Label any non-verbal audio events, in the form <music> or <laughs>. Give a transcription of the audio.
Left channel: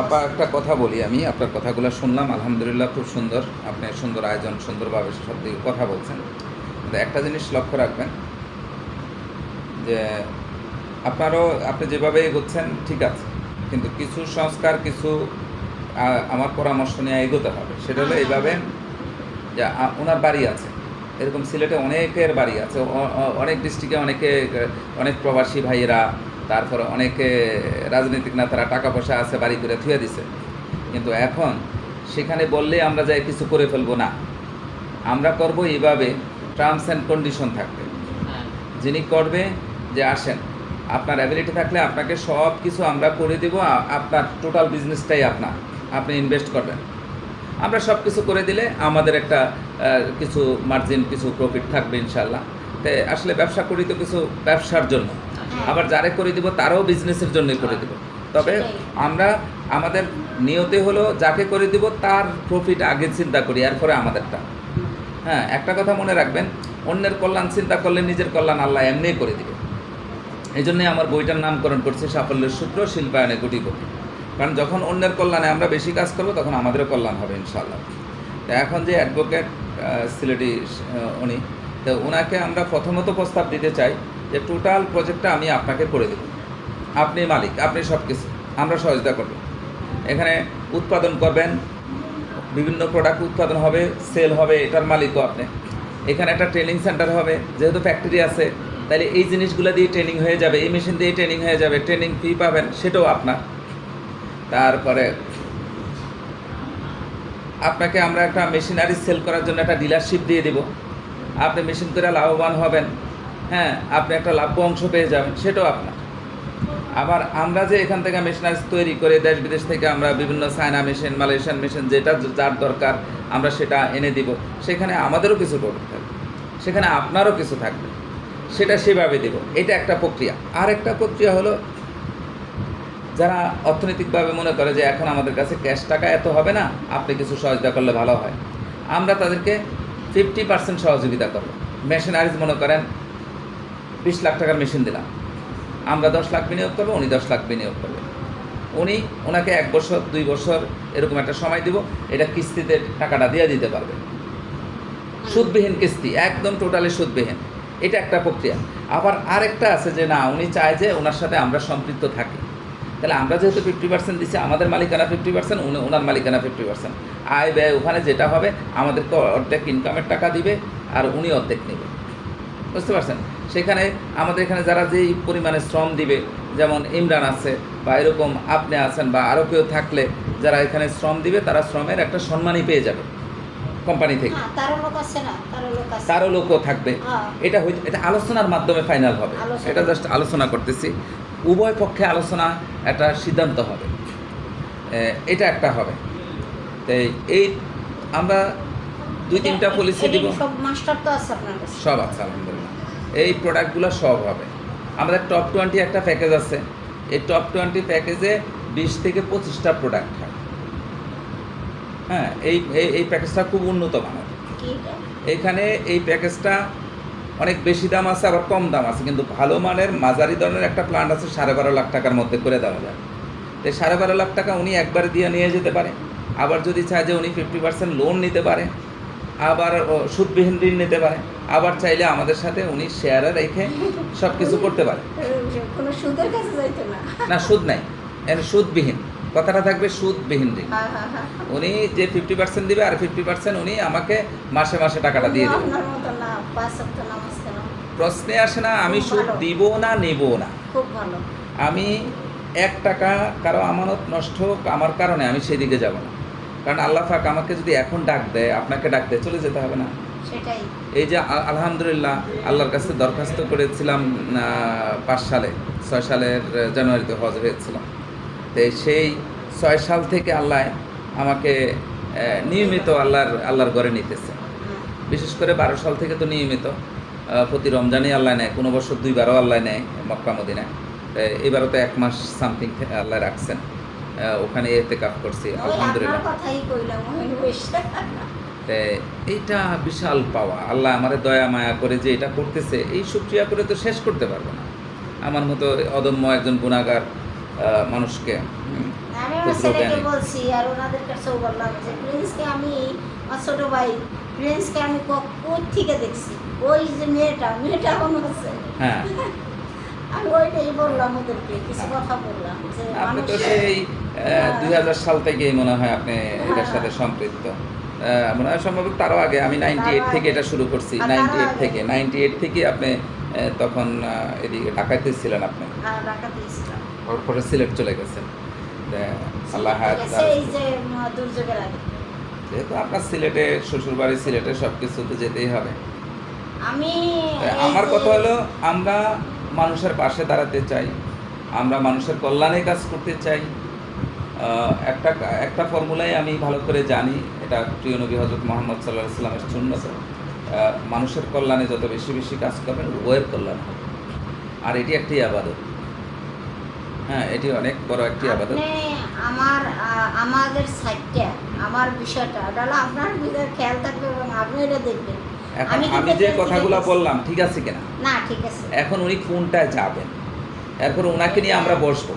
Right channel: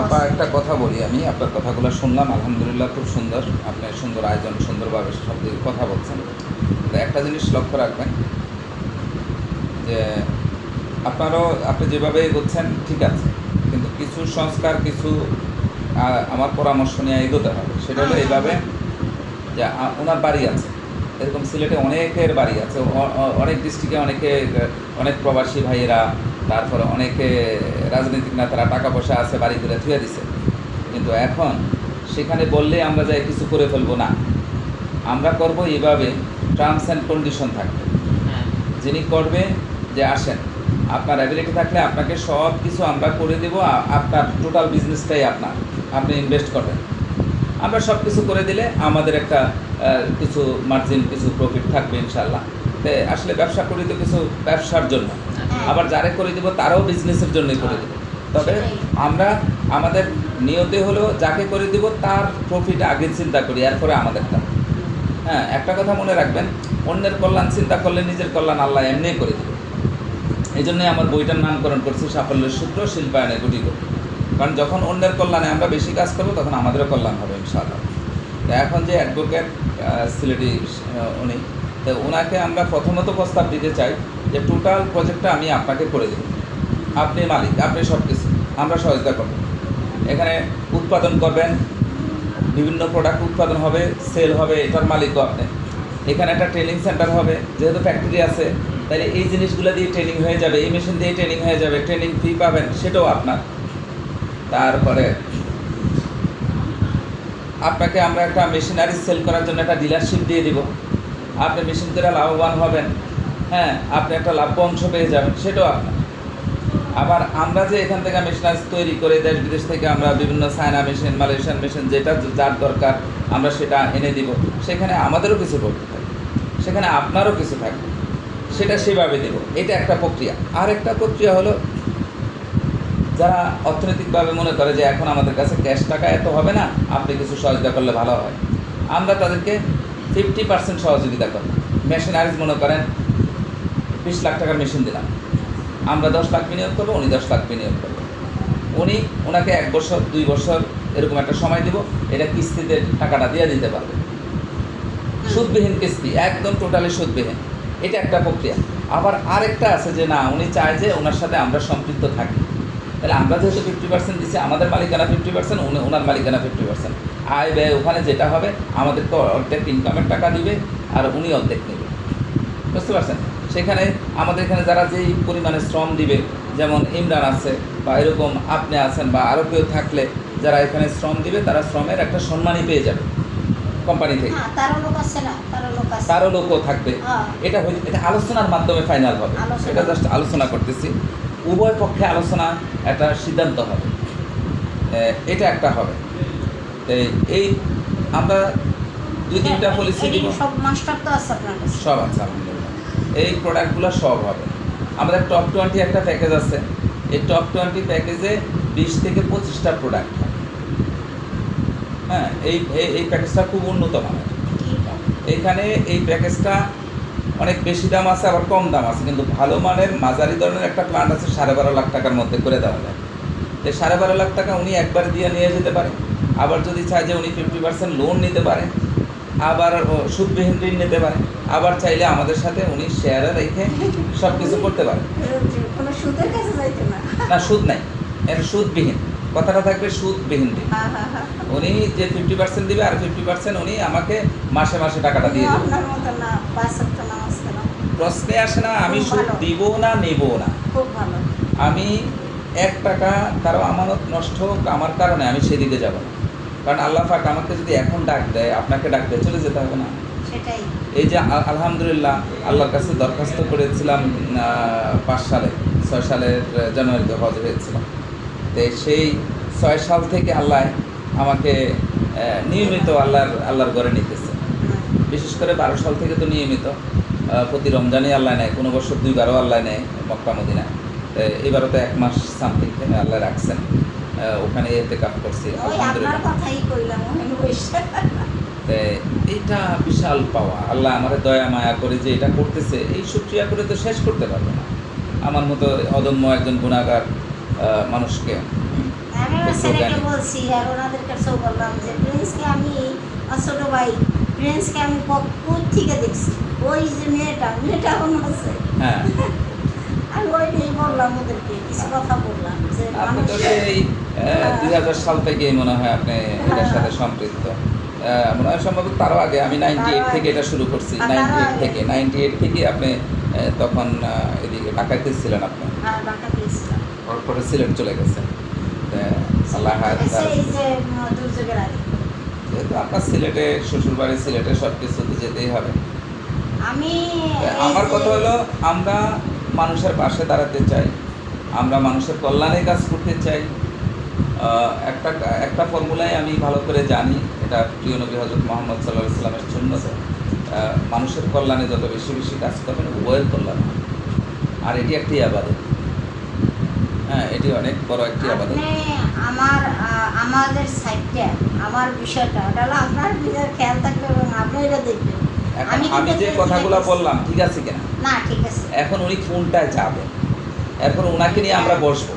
আপা, একটা কথা বলি আমি, আপনার কথাগুলো শুনলাম, আলহামদুলিল্লাহ খুব সুন্দর। আপনি সুন্দর আয়োজন, সুন্দরভাবে সব দিকে কথা বলছেন। কিন্তু একটা জিনিস লক্ষ্য রাখবেন, যে আপনারও, আপনি যেভাবে এগোচ্ছেন, ঠিক আছে। কিন্তু কিছু সংস্কার, কিছু আমার পরামর্শ নিয়ে এগোতে হবে। সেটা হলো এইভাবে, যে ওনার বাড়ি আছে। এরকম সিলেটে অনেকের বাড়ি আছে। অনেক ডিস্ট্রিক্টে অনেকে অনেক প্রবাসী ভাইয়েরা তারপরে অনেকে রাজনৈতিক নেতারা টাকা পয়সা আছে বাড়ি করে থুয়ে দিছে। কিন্তু এখন সেখানে বললে আমরা যাই কিছু করে ফেলব না। আমরা করব এইভাবে টার্মস অ্যান্ড কন্ডিশন থাকবে। হ্যাঁ। যিনি করবে যে আসেন। আপনার অ্যাবিলিটি থাকলে আপনাকে সব কিছু আমরা করে দেবো আপনার টোটাল বিজনেসটাই আপনার। আপনি ইনভেস্ট করবেন। আমরা সব কিছু করে দিলে আমাদের একটা কিছু মার্জিন কিছু প্রফিট থাকবে ইনশাল্লাহ আসলে ব্যবসা করি তো কিছু ব্যবসার জন্য। আবার যারে করে দিব তারাও বিজনেসের জন্যই করে দেবো। তবে আমরা আমাদের নিয়তে হলো যাকে করে দিব তার প্রফিট আগে চিন্তা করি এরপরে আমাদেরটা। হ্যাঁ একটা কথা মনে রাখবেন অন্যের কল্যাণ চিন্তা করলে নিজের কল্যাণ আল্লাহ এমনিই করে দিবে। এই জন্যই আমার বইটার নামকরণ করছে সাফল্যের সূত্র শিল্পায়নে গুটি গুটি কারণ যখন অন্যের কল্যাণে আমরা বেশি কাজ করব, তখন আমাদেরও কল্যাণ হবে ইনশাআল্লাহ। তা এখন যে অ্যাডভোকেট সিলেটি উনি, তো ওনাকে আমরা প্রথমত প্রস্তাব দিতে চাই যে টোটাল প্রজেক্টটা আমি আপনাকে করে দেব। আপনি মালিক, আপনি সব কিছু আমরা সহযোগিতা করব। এখানে উৎপাদন করবেন, বিভিন্ন প্রোডাক্ট উৎপাদন হবে সেল হবে, এটার মালিকও আপনি। এখানে একটা ট্রেনিং সেন্টার হবে, যেহেতু ফ্যাক্টরি আছে তাহলে এই জিনিসগুলো দিয়ে ট্রেনিং হয়ে যাবে, এই মেশিন দিয়ে ট্রেনিং হয়ে যাবে ট্রেনিং ফি পাবেন, সেটাও আপনার। তারপরে আপনাকে আমরা একটা মেশিনারি সেল করার জন্য একটা ডিলারশিপ দিয়ে দিব। আপনি মেশিন করে লাভবান হবেন। হ্যাঁ আপনি একটা লাভ্য অংশ পেয়ে যাবেন, সেটাও আপনার। আবার আমরা যে এখান থেকে মেশিনারি তৈরি করে দেশ বিদেশ থেকে আমরা বিভিন্ন চায়না মেশিন মালয়েশিয়ান মেশিন যেটা যার দরকার, আমরা সেটা এনে দিব। সেখানে আমাদেরও কিছু করতে থাকবে। সেখানে আপনারও কিছু থাকবে। সেটা সেভাবে দেব। এটা একটা প্রক্রিয়া। আর একটা প্রক্রিয়া হলো যারা অর্থনৈতিকভাবে মনে করে যে এখন আমাদের কাছে ক্যাশ টাকা এত হবে না, আপনি কিছু সহযোগিতা করলে ভালো হয়। আমরা তাদেরকে ফিফটি পার্সেন্ট সহযোগিতা করব। মেশিনারিজ মনে করেন, বিশ লাখ টাকার মেশিন দিলাম। আমরা দশ লাখ বিনিয়োগ করব, উনি দশ লাখ বিনিয়োগ করবে। উনি ওনাকে এক বছর, দুই বছর এরকম একটা সময় দিব, এটা কিস্তিতে টাকাটা দিয়ে দিতে পারবে। সুদবিহীন কিস্তি, একদম টোটালি সুদবিহীন। এটা একটা প্রক্রিয়া। আবার আরেকটা আছে যে না, উনি চায় যে ওনার সাথে আমরা সম্পৃক্ত থাকি। তাহলে আমরা যেহেতু ফিফটি পার্সেন্ট দিচ্ছি আমাদের মালিকানা ফিফটি পার্সেন্ট ওনার মালিকানা ফিফটি পার্সেন্ট আয় ব্যয় ওখানে যেটা হবে আমাদেরকে অর্ধেক ইনকামের টাকা দিবে আর উনি অর্ধেক নেবে। বুঝতে পারছেন? সেখানে আমাদের এখানে যারা যেই পরিমাণে শ্রম দিবে যেমন ইমরান আছে বা এরকম আপনি আছেন বা আরও কেউ থাকলে যারা এখানে শ্রম দিবে তারা শ্রমের একটা সম্মানই পেয়ে যাবে কোম্পানি থেকে। হ্যাঁ তারও লোকও থাকবে। হ্যাঁ। এটা এটা আলোচনার মাধ্যমে ফাইনাল হবে। এটা জাস্ট আলোচনা করতেছি। উভয় পক্ষে আলোচনা একটা সিদ্ধান্ত হবে। এটা একটা হবে। এই আমরা দুই তিনটা হ্যাঁ, পলিসি দিব। সব মাস্টার তো আছে আপনার সব আছে আলহামদুলিল্লাহ। এই প্রোডাক্টগুলো সব হবে। আমাদের টপ টোয়েন্টি একটা প্যাকেজ আছে। এই টপ টোয়েন্টি প্যাকেজে বিশ থেকে পঁচিশটা প্রোডাক্ট হ্যাঁ। এই এই- এই প্যাকেজটা খুব উন্নত মানের। এখানে এই প্যাকেজটা অনেক বেশি দাম আছে আবার কম দাম আছে। কিন্তু ভালো মানের মাঝারি ধরনের একটা প্লান্ট আছে সাড়ে বারো লাখ টাকার মধ্যে করে দেওয়া যায়। তো সাড়ে বারো লাখ টাকা উনি একবার দিয়ে নিয়ে যেতে পারে। আবার যদি চায় যে উনি ফিফটি পার্সেন্ট লোন নিতে পারে আবার সুদবিহীন ঋণ নিতে পারে আবার চাইলে আমাদের সাথে উনি শেয়ারে রেখে সব কিছু করতে পারে। না। সুদ নাই। এর সুদবিহীন। কথাটা থাকবে সুদবিহীন ঋণ। উনি যে ফিফটি পার্সেন্ট দিবে আর ফিফটি পার্সেন্ট উনি আমাকে মাসে মাসে টাকাটা দিয়ে দেবে। প্রশ্নে আসে না আমি সুদ দিব না নেব না। খুব ভালো। আমি এক টাকা কারও আমানত নষ্ট হোক আমার কারণে আমি সেদিকে যাব না। কারণ আল্লাহ পাক আমাকে যদি এখন ডাক দেয় আপনাকে ডাক দেয় চলে যেতে হবে না। এই যে আল- আলহামদুলিল্লাহ আল্লাহর কাছে দরখাস্ত করেছিলাম পাঁচ সালে ছয় সালের জানুয়ারিতে হজ হয়েছিলাম তো সেই ছয় সাল থেকে আল্লাহ আমাকে নিয়মিত আল্লাহর আল্লাহর ঘরে নিতেছে। বিশেষ করে বারো সাল থেকে তো নিয়মিত। প্রতি রমজানই আল্লাহ নেয় কোনো বছর দুইবারও আল্লাহ নেয় মক্কা মদিনায়। এবারও তো এক মাস সামথিং আল্লাহ রাখছেন। ওখানে এতে কাপ করছি এইটা বিশাল পাওয়া। আল্লাহ আমার দয়া মায়া করে যে এটা করতেছে এই সুক্রিয়া করে তো শেষ করতে পারব না। আমার মতো অদম্য একজন গুণাগার মানুষকে আমি বলছি আর ওনাদের কাছেও বললাম যে প্রিন্সকে আমি ছোট ভাই প্রিন্সকে আমি থেকে দেখছি? ওই যে মেয়েটা মেয়েটা এখনও আছে। হ্যাঁ। <laughs> আমি ওইটাই বললাম ওদেরকে কিছু কথা বললাম যে মানুষ তো সেই দুই হাজার সাল থেকেই মনে হয় আপনি এটার সাথে সম্পৃক্ত। মনে হয় সম্ভবত তারও আগে আমি নাইনটি এইট থেকে এটা শুরু করছি নাইনটি এইট থেকে। নাইনটি এইট থেকে আপনি তখন এদিকে ঢাকাতে ছিলেন আপনি। পরে সিলেট চলে গেছেন। আল্লাহ যেহেতু আপনার সিলেটে শ্বশুর বাড়ি সিলেটে সব কিছুতে যেতেই হবে। আমি আমার কথা হলো আমরা মানুষের পাশে দাঁড়াতে চাই। আমরা মানুষের কল্যাণে কাজ করতে চাই। একটা একটা ফর্মুলাই আমি ভালো করে জানি। এটা প্রিয় নবী হজরত মোহাম্মদ সাল্লাহ ইসলামের জন্য মানুষের কল্যাণে যত বেশি বেশি কাজ করবেন উভয়ের কল্যাণ হবে। আর এটি একটি আবাদত। হ্যাঁ এটি অনেক বড় একটি আবাদত। আপনি আমার আমাদের সাইডটা আমার বিষয়টা ওটা হলো আপনার বিষয়ে খেয়াল থাকবে এবং আপনি এটা দেখবেন। আমি যে কথাগুলো বললাম ঠিক আছে কিনা? না ঠিক আছে। এখন উনি কোনটায় যাবেন? এখন ওনাকে নিয়ে আমরা বসবো।